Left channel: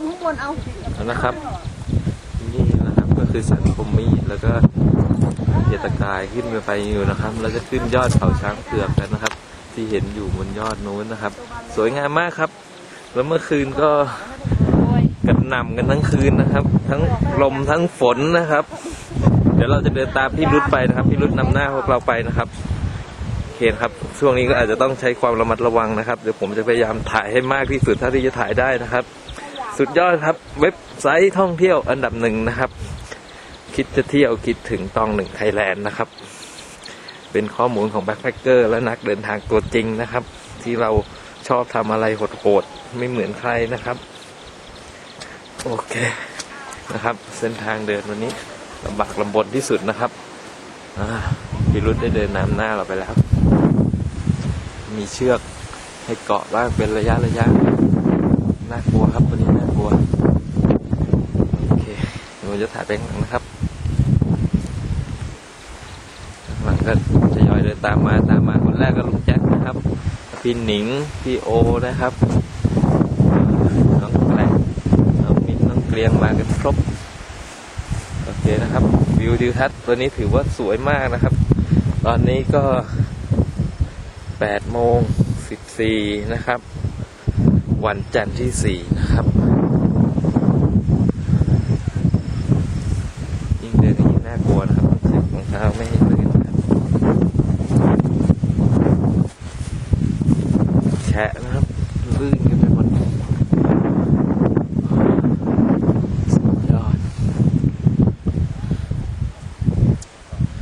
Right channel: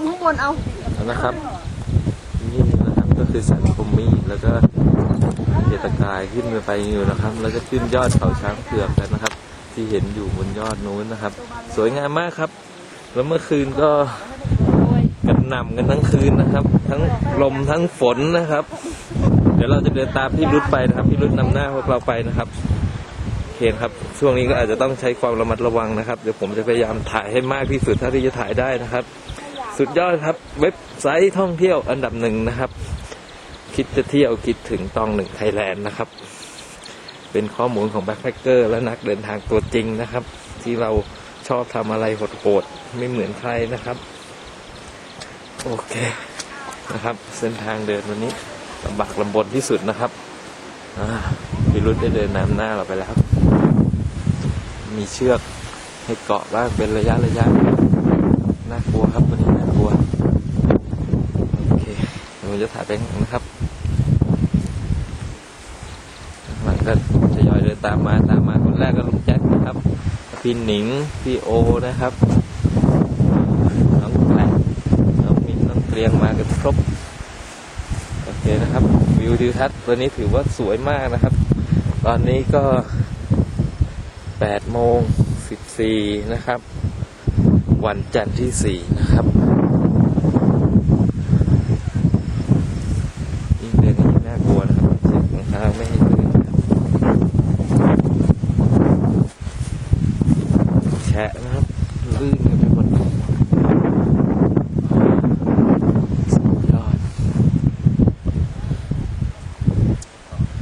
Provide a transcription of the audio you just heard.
มข้างบนเอานะครับ นี่นะครับก็คือสันปมมีดแล้วก็เยตกายขึ้นไปอยู่นะครับ แล้วจะขึ้นยอดเขาช้างเผือกกันนะครับ ที่เห็นอยู่บนยอดนู้นนะครับ สวยงามมากครับ แล้วเมื่อคืนก็กันหนำกันทั้งคืนนะครับ ทั้งลมทั้งฝนนะครับ เดี๋ยวเราจะเดินตามพี่รุดไปนะครับ พี่รุดนำหน้าพวกเราไปนะครับโอเคครับ ช่วงนี้ก็อาจจะต้องใช้ความระมัดระวังนะครับ เดี๋ยวผมจะพยายามถ่ายให้มากที่สุดเท่าที่จะถ่ายได้นะครับ สุดยอดครับ เว็บไซต์ท่องเที่ยวอันดับหนึ่งนะครับ คิดจะเที่ยวคิดถึงตองหนึ่งไทยแลนด์นะครับ เป็นข้อมูลของแบ็คแพคเกอร์และนักเดินทางตัวจริงนะครับ ที่เราชอบทำอะไรโหดๆ ไม่เหมือนใครนะครับ โอเคนะครับ เส้นทางเดินวันนี้ลำบากลำบนที่สุดนะครับอ่าพิรุธได้เดินนำหน้าเราไปแล้ว มีเชือกให้เกาะบ้างเป็นระยะระยะ น่ากลัวครับ วันนี้น่ากลัว โอเคเดี๋ยวจะถ่ายไปข้างหลังนะครับข้างหลังก็จะยอยเดินตามมาตามมาคนแรกก็ลุงแจ็คนะครับ พี่หนิง พี่โอนะครับ น้องแกลน้องมินน้องเกรียงมากันครบ โอเคนะครับ วิวทิวทัศน์ตัวนี้ถือว่าสวยมากนะครับ ตอนนี้ก็8โมง14นะครับ วันจันทร์ที่สี่นะครับ ยิ่งเดินก็ยิ่งน่ากลัวนะครับต้องใส่รองเท้าไม่ให้ลื่นนะครับแฉะนะครับ ลื่นกันไปหมด